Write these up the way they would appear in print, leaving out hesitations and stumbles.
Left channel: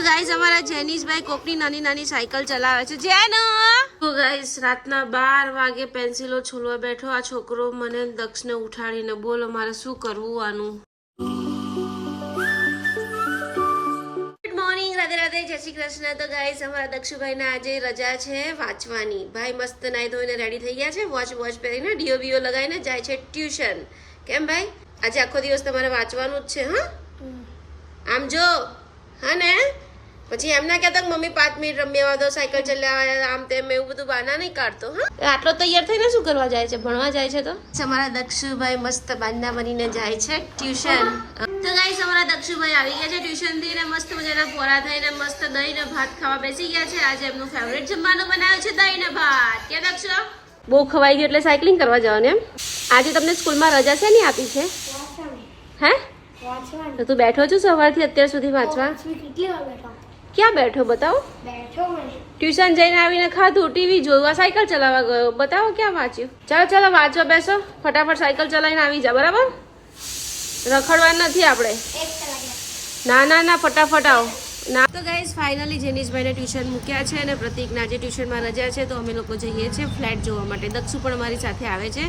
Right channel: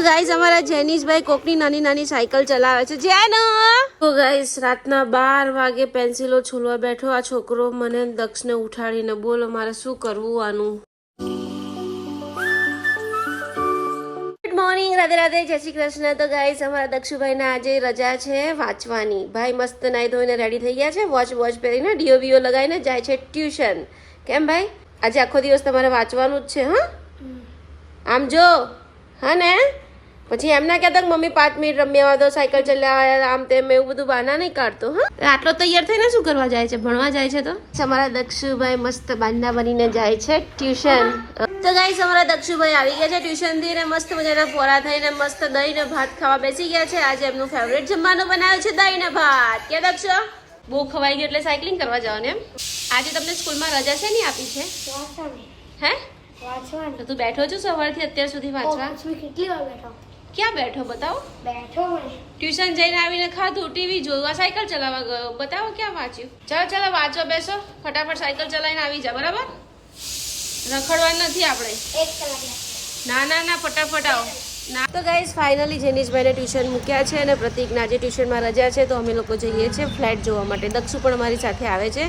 તો ગાઈસ અમારા જેનિશભાઈ કોકની નાની નાની સાયકલ ચલાવે છે જેનો તો ગાઈસ રાતના 12 વાગે પેન્સિલો છોલવા બેઠો આ છોકરો મને દક્ષને ઉઠાડીને બોલો મારે શું કરવું આનું ગુડ મોર્નિંગ રાધે રાધે જય શ્રી કૃષ્ણ તો ગાઈસ અમારા દક્ષુભાઈને આજે રજા છે વાંચવાની ભાઈ મસ્ત નાઈ ધોઈને રેડી થઈ ગયા છે વોચ પહેરીને ડીઓ લગાવીને જાય છે ટ્યુશન કેમ ભાઈ આજે આખો દિવસ તમારે વાંચવાનું જ છે હા આમ જો હા ને પછી એમ ના કહેતા મમ્મી 5 મિનિટ રમ્યા દો સાયકલ ચલાવ્યા આમ તેમ એવું બધું બહાના નહીં કાઢતો હા આટલો તૈયાર થઈને શું કરવા જાય છે ભણવા જાય છે તો અમારા દક્ષુભાઈ મસ્ત બાંધા બનીને જાય છે ટ્યુશન તો ગાઈસ અમારા દક્ષુભાઈ આવી ગયા છે ટ્યુશન થી ને મસ્ત મજાના પોરા થઈને મસ્ત દહીં ને ભાત ખાવા બેસી ગયા છે આજે એમનું ફેવરેટ જમવાનું બનાવ્યું છે દહીં ને ભાત કે દક્ષો બહુ ખવાઈ ગયું એટલે સાયકલિંગ કરવા જવાનું એમ આજે તમને સ્કૂલમાં રજા છે નહીં આપી છે હે તો તું બેઠો છો સવારથી અત્યાર સુધી વાંચવા ક્યાં બેઠો બતાવો ટ્યુશન જઈને આવીને ખાધું ટીવી જોવા સાયકલ ચલાવવા ગયો બતાવો ક્યાં વાંચ્યું ચાલો વાંચવા બેસો ફટાફટ સાયકલ ચલાવીને આવી જા બરાબર રખડવાનું નથી આપણે ના ફટાફટ આવો ના તો ગાઈસ ફાઇનલી જેનિશભાઈને ટ્યુશન મૂક્યા છે અને પ્રતિકના આજે ટ્યુશનમાં રજા છે તો અમે લોકો જઈએ છીએ ફ્લેટ જોવા માટે દક્ષુ પણ અમારી સાથે આવે છે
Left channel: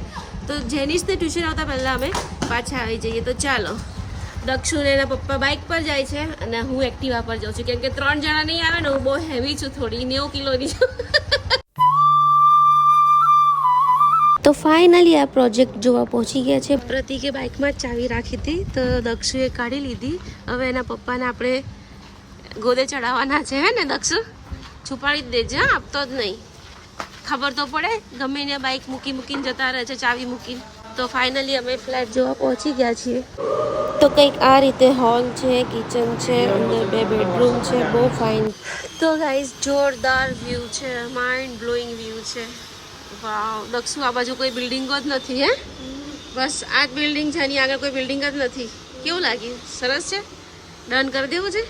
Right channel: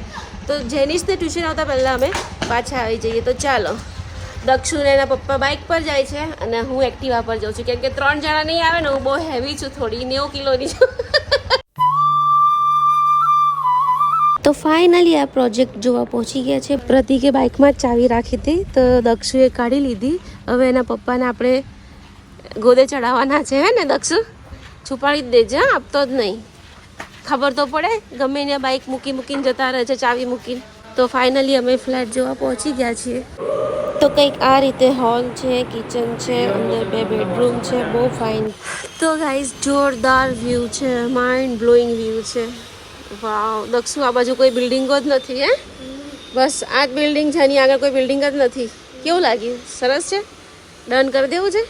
તો જેનિશને ટ્યુશન આવતા પહેલાં અમે પાછા આવી જઈએ તો ચાલો દક્ષુ ને એના પપ્પા બાઇક પર જાય છે અને હું એક્ટિવા પર જાઉં છું કેમ કે 3 જણા નહીં આવે ને હું બહુ હેવી છું થોડી 90 કિલોની છું તો ફાઇનલી આ પ્રોજેક્ટ જોવા પહોંચી ગયા છે પ્રતિકે બાઇકમાં જ ચાવી રાખી હતી તો દક્ષુએ કાઢી લીધી હવે એના પપ્પાને આપણે ગોદે ચડાવવાના છે હે ને દક્ષુ છુપાડી જ દેજે આપતો જ નહીં ખબર તો પડે ગમે એને બાઇક મૂકીને જતા રહે છે ચાવી મૂકીને તો ફાઇનલી અમે ફ્લેટ જોવા પહોંચી ગયા છીએ તો કંઈક આ રીતે હોલ છે કિચન છે અંદર 2 બેડરૂમ છે બહુ ફાઇન તો ગાઈસ જોરદાર વ્યૂ છે માઇન્ડ બ્લોઈંગ વ્યૂ છે વાવ દક્ષુ આ બાજુ કોઈ બિલ્ડિંગો જ નથી હે બસ આ જ બિલ્ડિંગ છે એની આગળ કોઈ બિલ્ડિંગ જ નથી કેવું લાગ્યું સરસ છે ડન કરી દેવું છે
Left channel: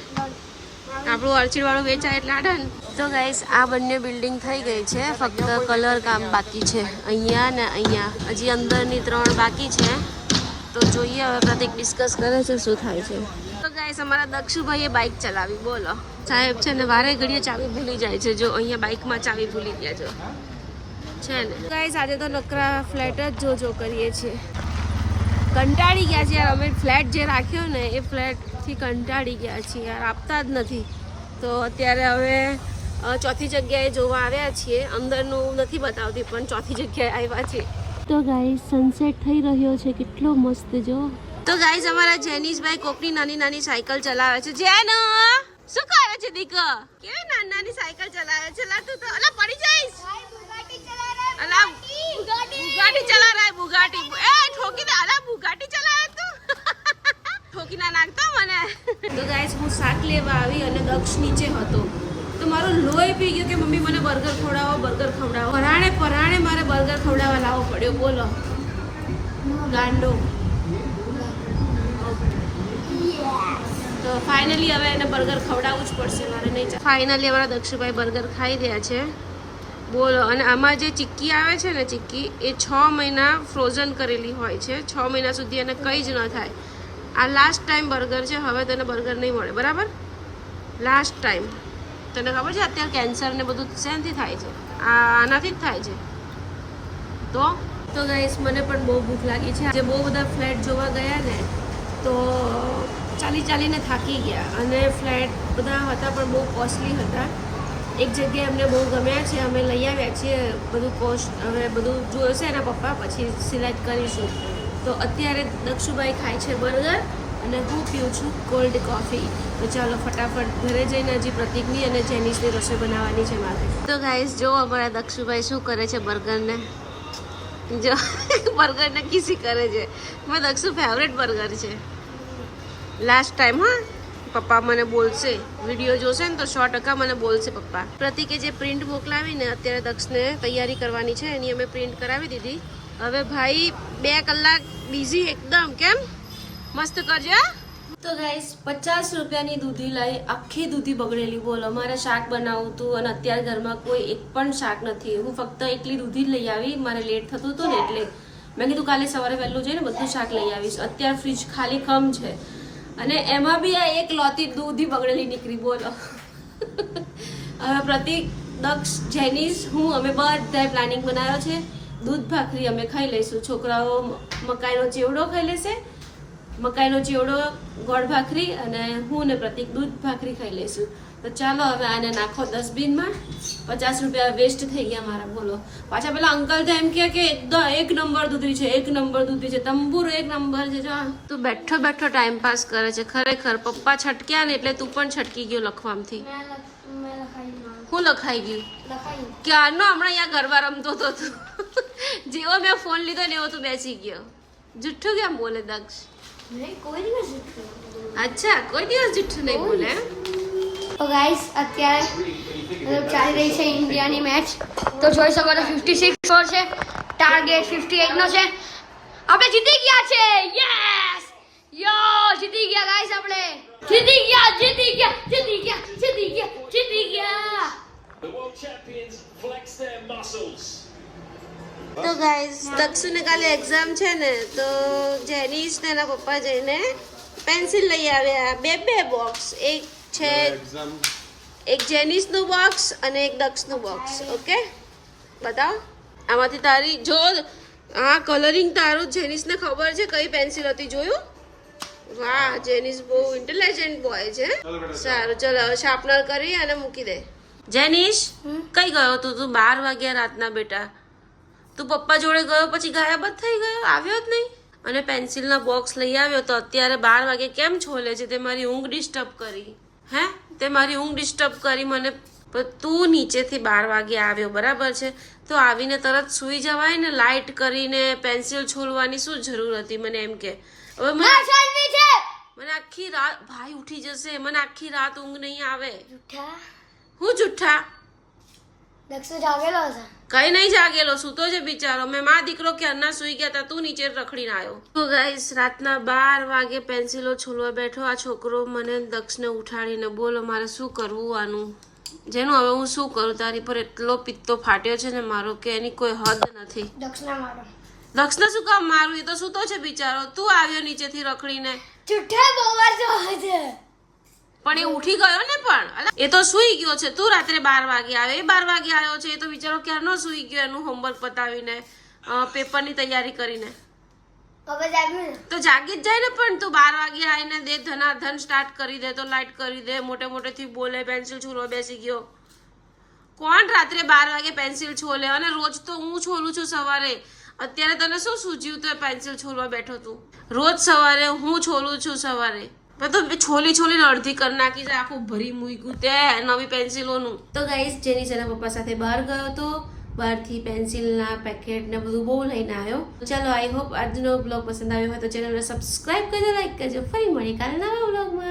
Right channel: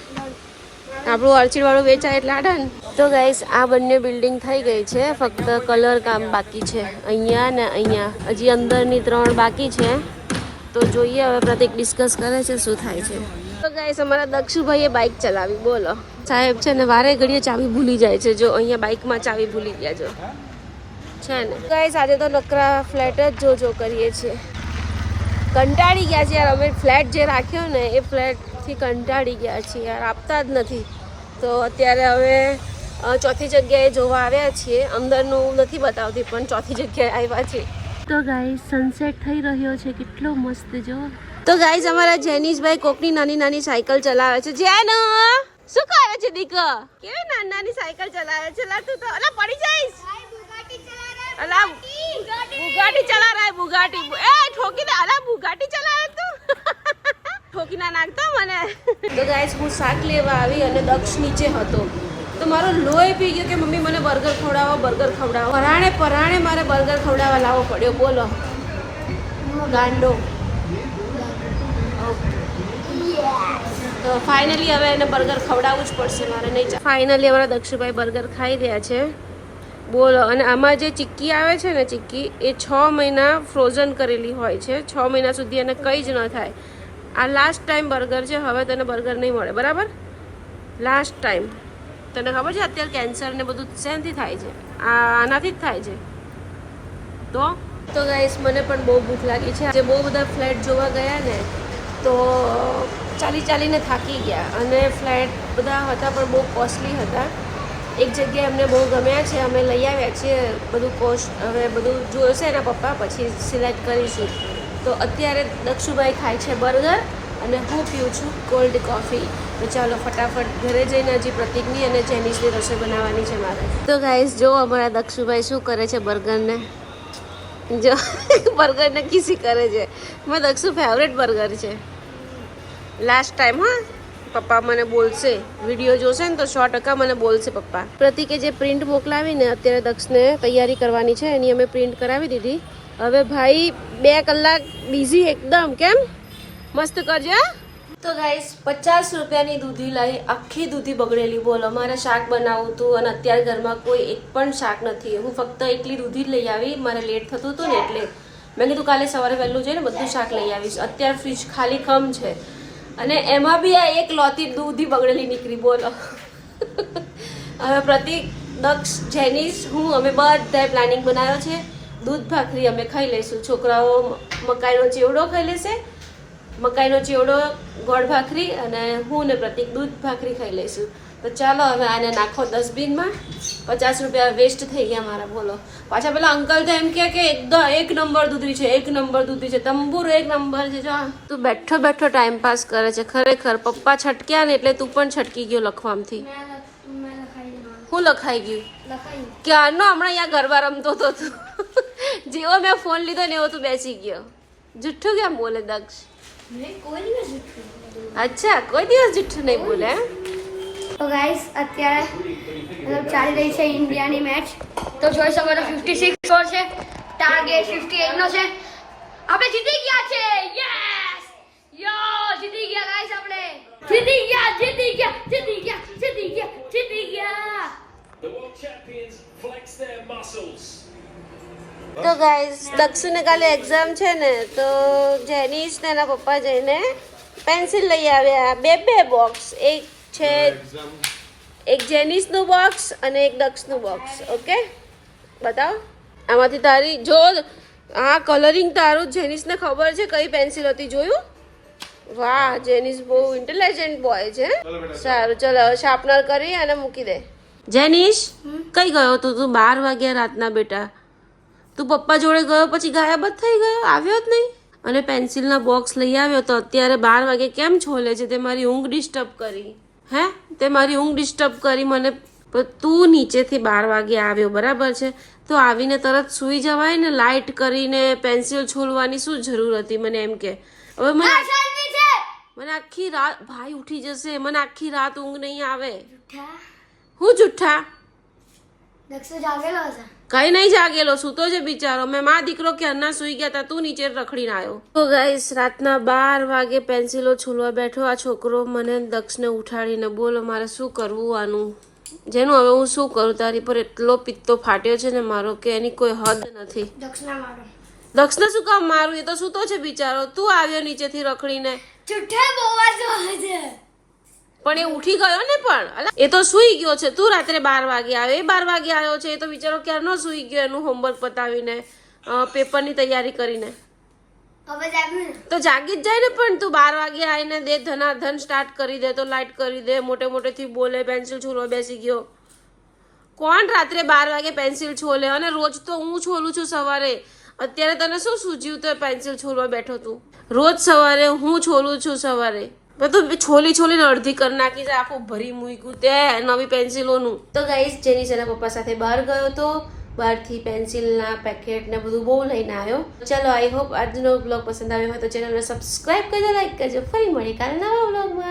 આપણું ઓર્ચિડ વાળું વેચાય એટલે આ ડન તો ગાઈસ આ બંને બિલ્ડિંગ થઈ ગઈ છે ફક્ત કલર કામ બાકી છે અહીંયા ને અહીંયા હજી અંદરની 3 બાકી છે તો જોઈએ હવે પ્રતિક ડિસ્કસ કરે છે શું થાય છે તો ગાઈસ અમારા દક્ષુભાઈએ બાઇક ચલાવી બોલો સાહેબ છે ને વારે ઘડીએ ચાવી ભૂલી જાય છે જો અહીંયા બાઇકમાં ચાવી ભૂલી ગયા જો છે ને ગાઈસ આજે તો નકરા ફ્લેટ જ જો કરીએ છીએ કંટાળી ગયા છે યાર અમે ફ્લેટ જે રાખ્યો ને એ ફ્લેટથી કંટાળી ગયા છીએ યાર આપતા જ નથી તો અત્યારે હવે ચોથી જગ્યાએ જોવા આવ્યા છીએ અંદરનું નથી બતાવતી પણ ચોથી જગ્યાએ આવ્યા છીએ તો ગાઈસ સનસેટ થઈ રહ્યો છે કેટલો મસ્ત જો તો ગાઈસ અમારા જેનિશભાઈ કોકની નાની નાની સાયકલ ચલાવે છે જેનો શું કરે છે દીકો કેવી નાની સાયકલ ચલાવે છે લા તું તો અલા પડી જઈશ અલા બુગાટી ચલા રહા હે બુગાટી એ ઠોકી દે અલા બુગાટી ચલાવે તું ઠોકી ના નાખતો મને તો ગાઈસ હું શાક લેવા આવી અને દક્ષ નીચે હતો તો મારો લોહી પી ગયો કે મમ્મી મને બર્ગર ખવડાવો પરાણે મારે બર્ગર ખવડાવવા લાવવો પડ્યો બોલો ગાંડો તો ફાઇનલી હવે એને બર્ગર ખવડાવવું જ પડશે મારે નહીં ફાઇનલી અમારા દક્ષુભાઈ બર્ગર ખાઈ રહ્યા છે બોલો અને આમાં જે ચીક્કી આવે છે ને ચીક્કી એ 6 મહિના ફ્રોઝન કરેલી હોય છે 6 મહિના સુધી એને કંઈ જ ન થાય આ લાસ્ટ ટાઈમ બર્ગર છે હવે તને બર્ગર નહીં મળે બરાબર લાસ્ટ ટાઈમ તને ખબર છે અત્યારે કેન્સર ને બધું શેનાથી થાય છે આનાથી જ થાય છે તો ગાઈસ મને પણ બહુ ભૂખ લાગી છે આજે બહુ બધા ફ્લેટ જોવા ગયા ને તો ચાલીને થાકી ગયા અને ફ્લેટ બધા હતા પણ બહુ કોસ્ટલી હતા એક જગ્યાએ અમને બહુ ગમ્યા છે અમે લઈ આવ્યા છીએ બધું કોસ્ટ હવે બધું જોશે એના પપ્પા પછી સિલેક્ટ કરીશું તો અત્યારે દક્ષુભાઈ ખાય છે બર્ગર અને હું પીઉં છું કોલ્ડ કોફી તો ચાલો ફટાફટ ઘરે જઈને હજી પ્રતિકની અને જેનિશની રસોઈ બનાવવાની છે મારે તો ગાઈસ જો અમારા દક્ષુભાઈ શું કરે છે બર્ગરને જો બર્ગરને કિસી કરે છે મારા દક્ષુ ફેવરેટ બર્ગર છે લાસ્ટ ટાઈમ હા પપ્પા મને બોલશે વિડીયો જોશે ને તો 100% મને બોલશે પપ્પા પ્રતિકે જે પ્રિન્ટ મોકલાવીને અત્યારે દક્ષને તૈયારી કરવાની છે એની અમે પ્રિન્ટ કરાવી દીધી હવે ભાઈ 2 કલાક બિઝી એકદમ કેમ મસ્ત કરજો તો ગાઈસ 50 રૂપિયાની દૂધી લઈ આખી દૂધી બગડેલી બોલો મારે શાક બનાવવું હતું અને અત્યારે ઘરમાં કોઈ એક પણ શાક નથી હું ફક્ત એકલી દૂધી જ લઈ આવી મારે લેટ થતું હતું ને એટલે મેં કીધું કાલે સવારે વહેલું જઈને બધું શાક લઈ આવીશ અત્યારે ફ્રીજ ખાલી ખમ છે અને એમાં બી આ એક લોતી દૂધી બગડેલી નીકળી બોલો. હવે પ્રતિક, દક્ષ, જેનિસ, હું અમે બધાએ પ્લાનિંગ બનાવ્યો છે. દૂધ ભાખરી અમે ખાઈ લઈશું. છોકરાઓ મકાઈનો ચેવડો ખાઈ લેશે, મકાઈનો ચેવડો, ગોળ ભાખરી, અને હું ને પ્રતિક દૂધ ભાખરી ખાઈ લઈશું. તો ચાલો હવે આને નાખો ડસ્ટબિનમાં. 50 રૂપિયા વેસ્ટ થઈ ગયા મારા બોલો. પાછા પેલા અંકલ તો એમ કે એકદમ એક નંબર દૂધી છે, એક નંબર દૂધી છે, તંબુર એક નંબર છે. જો તું બેઠો બેઠો ટાઈમ પાસ કરે છે ખરેખર. પપ્પા છટક્યા ને એટલે તું પણ છટકી ગયો લખવામથી. હું લખાઈ ગયું ક્યારનો? હમણાં અહીંયા ગરબા રમતો હતો તું. જેવો મેં ફોન લીધો ને એવો તું બેસી ગયો. જુઠ્ઠું કેમ બોલે દક્ષ? અચ્છા, કોઈ દિવસ જુઠ્ઠું નહીં બોલે. તો ગાઈસ અત્યારે મતલબ ચાલી રહી છે ઇન્ડિયાની મેચ. તો જોઈ શકો છો 56 સ્કોર છે, ટાર્ગેટ 58 નો છે. આપણે જીતી ગયા છે. યસ યો જીતી ગયા ગાઈસ. આપણે જીતી ગયા, જીતી ગયા, જીતી ગયા, જીતી ગયા, જીતી ગયા. The world champions flex their muscles. તો ગાઈઝ, દક્ષુને કાલે એક્ઝામ છે ને, તો જેનિસ ને એના પપ્પા જઈને પેન્સિલ લઈ આવ્યા. બે બોક્સ, એક છે એક જેનિસનું બોક્સ અને એક દક્ષનું બોક્સ. ઓકે, બતાવો આમાંથી તારી. જો આ કલરિંગ તારું જેનિસને ખબર છે કઈ પેન્સિલ હતી, જોયું? વાહ, જેનિસ બહુ ઇન્ટેલિજન્ટ બોય છે. સારું, ચલો હવે શાર્પનર કરી અને મૂકી દે. જેનિસ, કઈ ગયો તો તું 12 વાગ્યા રાતના બેટા? તું પપ્પા જોડે ગયો પછી ગાયબ જ થઈ ગયો, આવ્યો જ નહીં. અને પેન્સિલના બોક્સ લઈ આવ્યો તો અત્યારે 12 વાગે કેમ છોલે છે? તે મારી ઊંઘ ડિસ્ટર્બ કરી. હે, તે મારી ઊંઘ ડિસ્ટર્બ કરી મને. તું નીચેથી 12 વાગે આવ્યો, બરાબર છે? તો આવીને તરત સૂઈ જવાય ને. લાઇટ કરીને પેન્સિલ છોલવાની શું જરૂર હતી? મને એમ કે હવે મને આખી રાત, ભાઈ ઉઠી જશે, મને આખી રાત ઊંઘ નહીં આવે. હું જુઠ્ઠા? દક્ષ જાગેલો હતો. કઈ નહીં જાગેલો, સૂતો છે બિચારો. મેં માં દીકરો ક્યારના સૂઈ ગયા હતા, તું નીચે રખડીને આવ્યો. તો ગાઈસ, રાતના 12 વાગે પેન્સિલો છોલવા બેઠો આ છોકરો. મને દક્ષને ઉઠાડીને, બોલો મારે શું કરવું આનું? જેનું હવે હું શું કરું? તારી પર એટલો પિત્તો ફાટ્યો છે ને મારો કે એની કોઈ હદ નથી. દક્ષને શું કામ મારું? એ તો સૂતો છે બિચારો. તું આવ્યો નીચેથી રખડીને. પણ એ ઉઠી ગયો ને. પણ એ તો સૂઈ ગયો છે. તું રાત્રે 12 વાગે આવ્યો, એ 12 વાગે આવ્યો છે. એ તો બિચારો ક્યારનો સૂઈ ગયો, એનું હોમવર્ક પતાવીને, પેપરની તૈયારી કરીને. તો જાગી જ જાય ને. પણ તું 12 વાગે આવીને દે ધનાધન સ્ટાર્ટ કરી દે, તો લાઇટ કરી દે, મોટે મોટેથી બોલે, પેન્સિલ છોલવા બેસી ગયો. કોણ રાત્રે 12 વાગે પેન્સિલ છોલે? અને રોજ તો હું છોલું છું સવારે. અત્યારે તને શું સૂઝ્યું તો પેન્સિલ છોલવા બેઠો તું? રોજ સવારે હું છોલું છું સવારે. તું છોલીને અડધી કરી નાખી છે, આખું ભરી મૂક્યું તે નવી પેન્સિલોનું. તો ગાઈસ, જેનિસ એના પપ્પા સાથે બહાર ગયો તો. બહારથી પેન્સિલના પેકેટ ને બધું બહુ લઈને આવ્યો. ચલો, આઈ હોપ આજનો બ્લોગ પસંદ આવ્યો હોય તો ચેનલને સબસ્ક્રાઇબ કરજો, લાઈક કરજો. ફરી મળી કાલે નવા બ્લોગમાં.